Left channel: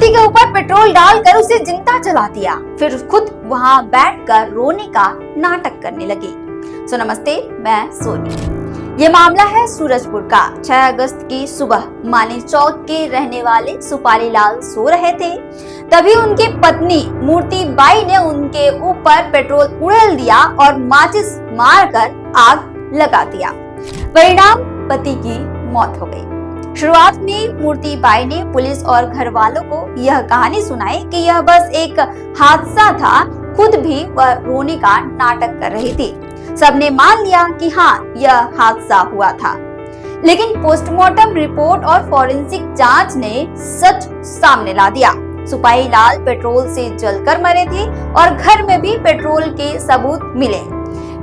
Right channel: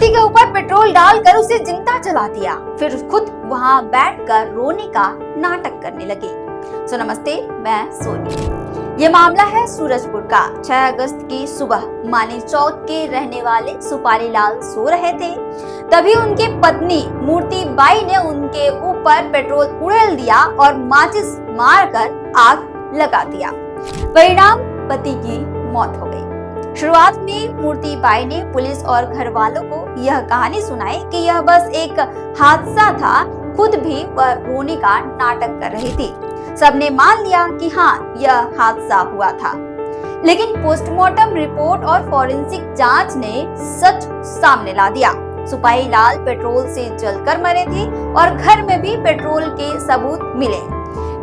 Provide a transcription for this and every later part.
पति के ऊपर पेट्रोल डालकर उसे जिंदा जला दिया, फिर खुद वहां बैठकर रोने का नाटक करने लगी। सो नमस्ते, मैं सोनी। ये मामला है सूरजपुर का। 6 अगस्त की सुबह माली चौक के रहने वाले सुपारी लाल सो रहे थे, तभी उनके पत्नी मूर्ति बाई ने उनके ऊपर पेट्रोल उड़ेल दिया और माचिस मारकर आग लगा दिया। परिणाम पति की मौत हो गई। शुरुआत में मूर्ति बाई ने पुलिस और घर वालों को यह कहानी सुनाई कि यह बस एक हादसा था, खुद भी वह रोने का नाटक कर रही थी। सबने मान लिया कि हाँ, यह हादसा हुआ था, लेकिन पोस्टमार्टम रिपोर्ट और फॉरेंसिक जांच ने सच सामने ला दिया। सुपारी लाल पेट्रोल से जलकर मरे थे और घर में भी पेट्रोल के सबूत मिले।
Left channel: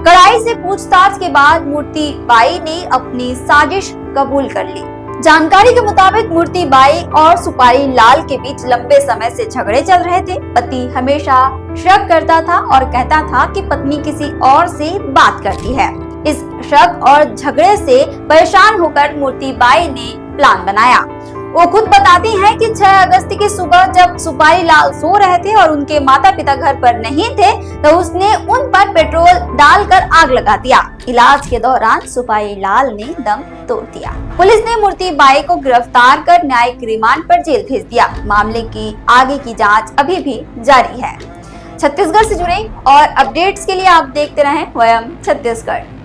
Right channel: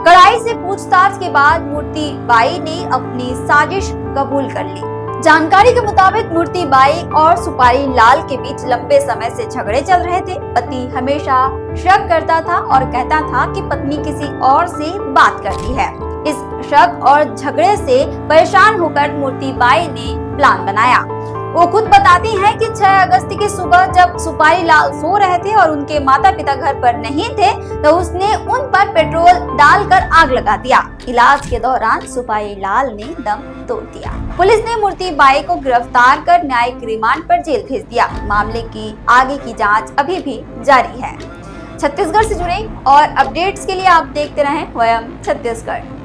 कड़ाई से पूछताछ के बाद मूर्ति बाई ने अपनी साजिश कबूल कर ली। जानकारी के मुताबिक मूर्ति बाई और सुपारी लाल के बीच लंबे समय से झगड़े चल रहे थे। पति हमेशा शक करता था और कहता था कि पत्नी किसी और से बात करती है। इस शक और झगड़े से परेशान होकर मूर्ति बाई ने प्लान बनाया। वो खुद बताती है कि 6 अगस्त की सुबह जब सुपारी लाल सो रहे थे और उनके माता पिता घर पर नहीं थे, तो उसने उन पर पेट्रोल डालकर आग लगा दिया। इलाज के दौरान सुपारी लाल ने दम तोड़ दिया। पुलिस ने मूर्ति बाई को गिरफ्तार कर न्यायिक रिमांड पर जेल भेज दिया। मामले की आगे की जांच अभी भी जारी है। छत्तीसगढ़ से जुड़े और अपडेट्स के लिए आप देखते रहें वयम छत्तीसगढ़।